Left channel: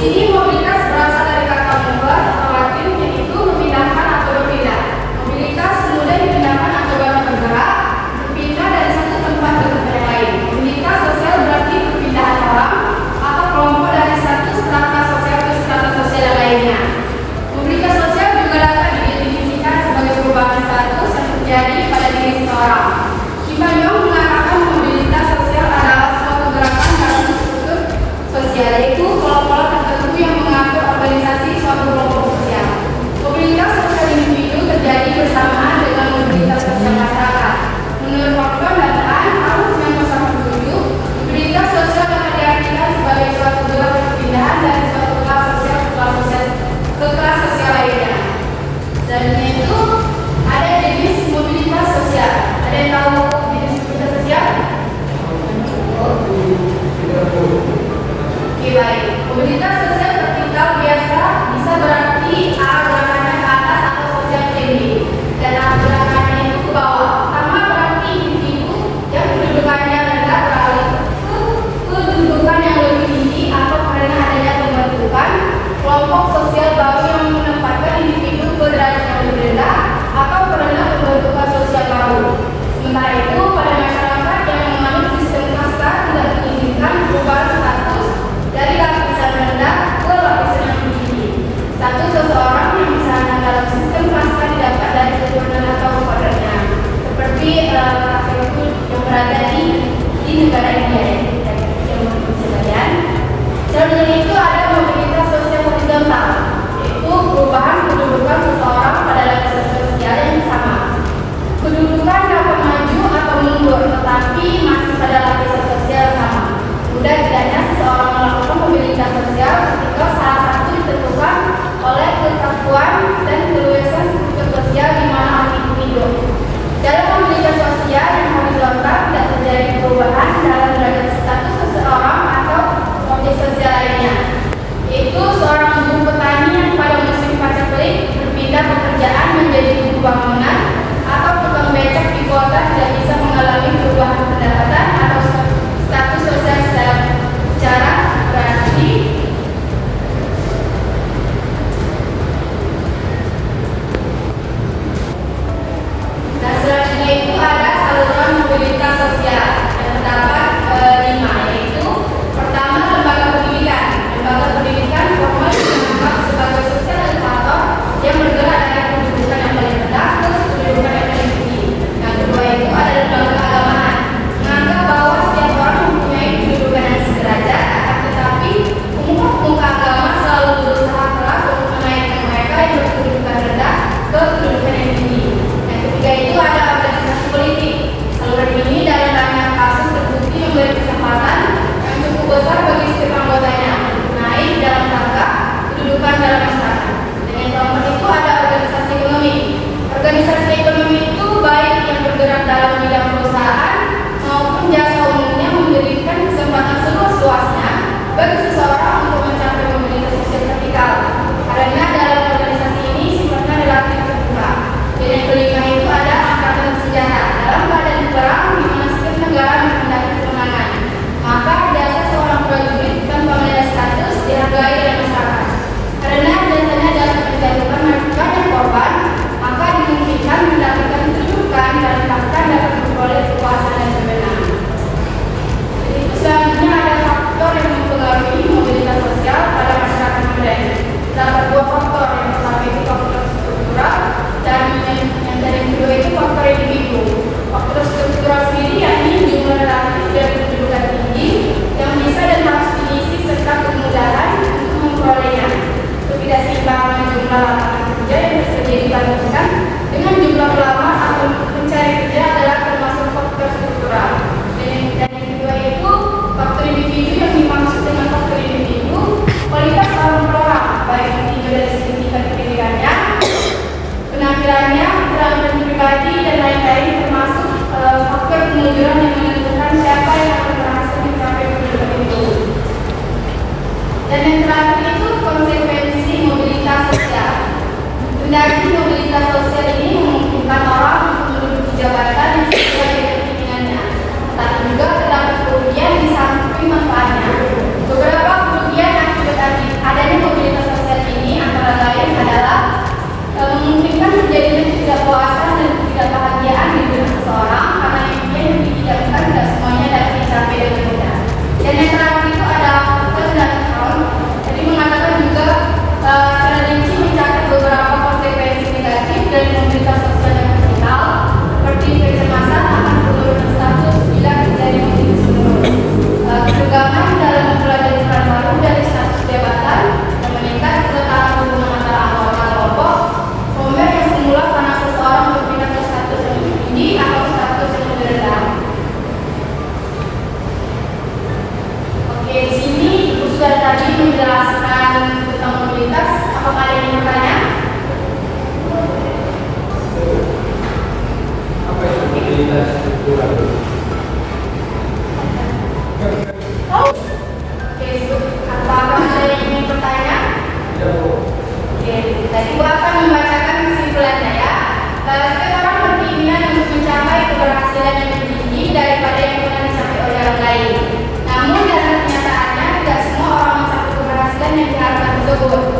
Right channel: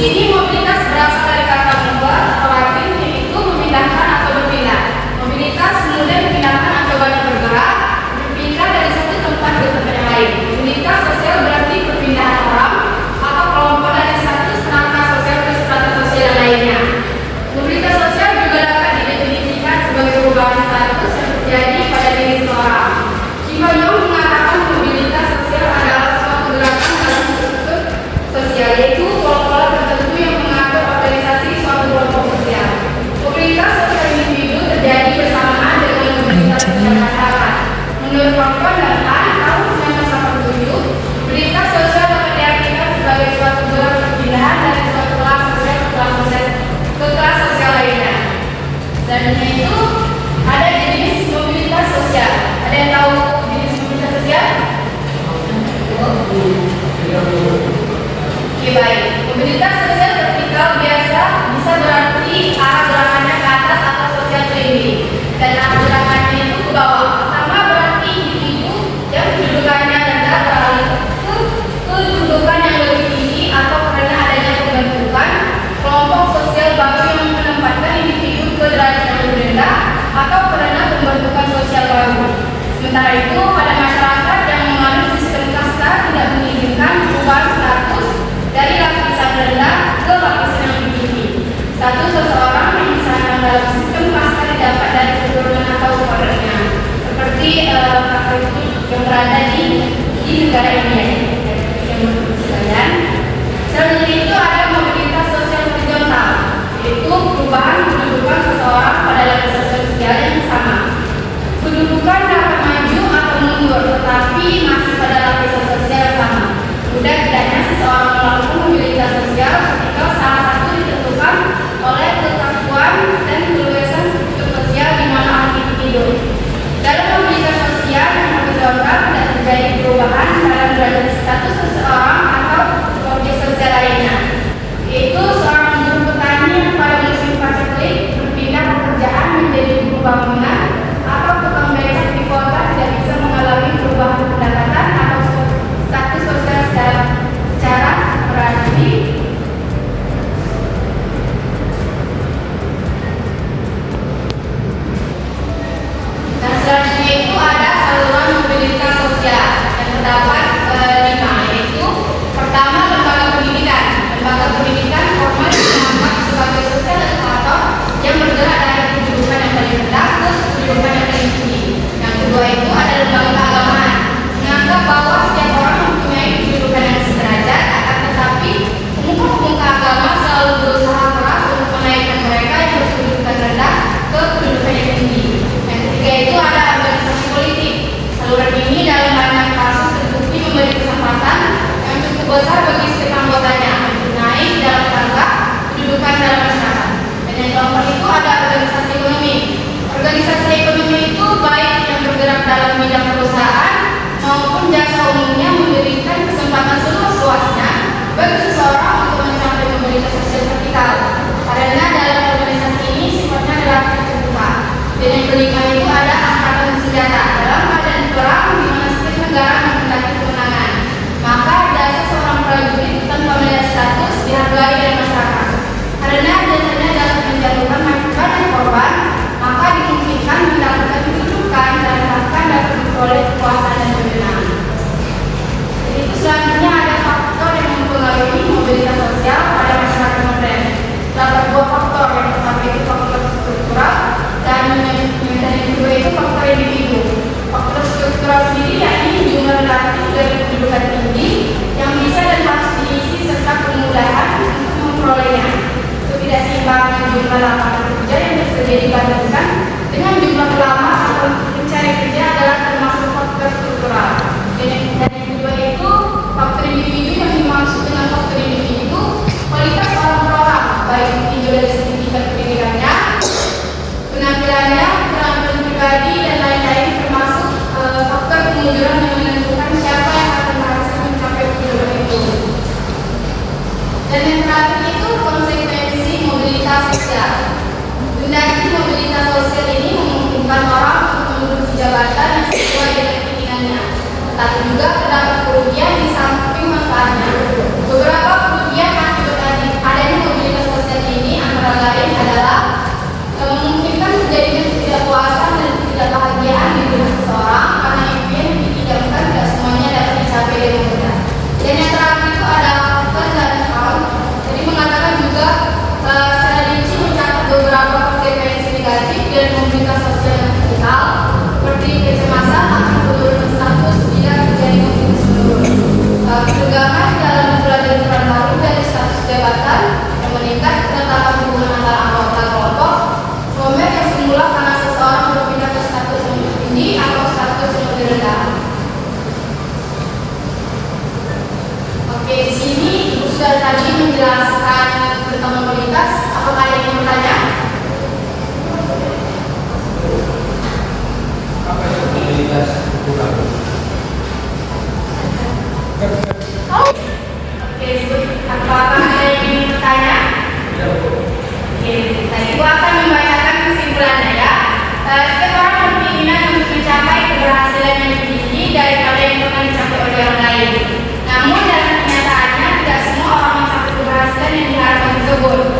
sini mobilitas berasal dari kata member atau Latin, yaitu memindahkan atau berpindah. Mobilitas kemudian memindahkan atau barang bergerak, berpindah dari satu tempat ke tempat yang lain. Mobilitas sosial berarti perpindahan orang atau kelompok dari satu strata sosial ke strata sosial yang lainnya. Mobilitas sosial juga dapat didefinisikan sebagai perubahan status yang terjadi pada diri seseorang. Kim Yong mengatakan mobilitas sosial adalah suatu gerakan dalam struktur sosial, yaitu kelompok tertentu yang mengatur organisasi suatu kelompok sosial. Mobilitas sosial individu terjadi bersamaan dengan mobilitas sosial masyarakat. Menurut Rockman dan Tan, tahun 1987, mobilitas sosial dapat diartikan sebagai suatu gerak perpindahan dari suatu kelas sosial ke kelas sosial lainnya. Dan itu ada jenis mobilitas sosial. Ada yang tahu jenis mobilitas sosial? Oke, baik. Mobilitas sosial vertikal biasa bisa berarti arah gerakannya ke atas atau sosial tinggi, dan arah gerakannya itu ke bawah. Pertama berarti individu yang kedudukannya rendah beralih ke kedudukan yang lebih tinggi atau karena adanya pembentukan kelompok sosial baru yang menempatkan individu ke derajat yang lebih rendah atau karena pembentukan sosial baru. Sementara itu, pada masyarakat yang mengalami sistem kasta tidak mengizinkan perubahan status dari lapisan rendah ke lapisan yang lebih tinggi. Status seseorang yang disandang dalam sistem kasta didapat dari keturunan atau keluarganya, seperti kasta itu yang berada di negara India. Selanjutnya itu ada mobilitas sosial horizontal, yaitu perubahan kedudukan seseorang pada lapisan sosial yang sama. Kedudukan dapat maju atau mundur, tetapi masih pada lapisan sosial yang sama. Mudah tidaknya seseorang melakukan mobilitas sosial ketika salah satu ditentukan oleh kekakuan dan keluasan struktur sosial di mana orang itu hidup. Dalam mobilitas sosial yang horizontal tidak terjadi perubahan dalam derajat status seseorang atau objek sosial lainnya, yaitu seorang ibu petani yang pada musim paceklik berpindah pekerjaan menjadi buruh bangunan, atau tukang becak di kota tidak bisa mengalami perubahan pendapatan atau status sosial secara disebut. Apakah ada yang ingin bertanya? Oke, tadi Ibu akan membacakan kesimpulannya ya. Setiap orang berkeinginan untuk mencapai keberhasilan yang lebih tinggi daripada yang pernah dicapai oleh orang lain. Namun dalam kenyataannya tidak semua orang mencapai keberhasilan yang diharapkan tersebut.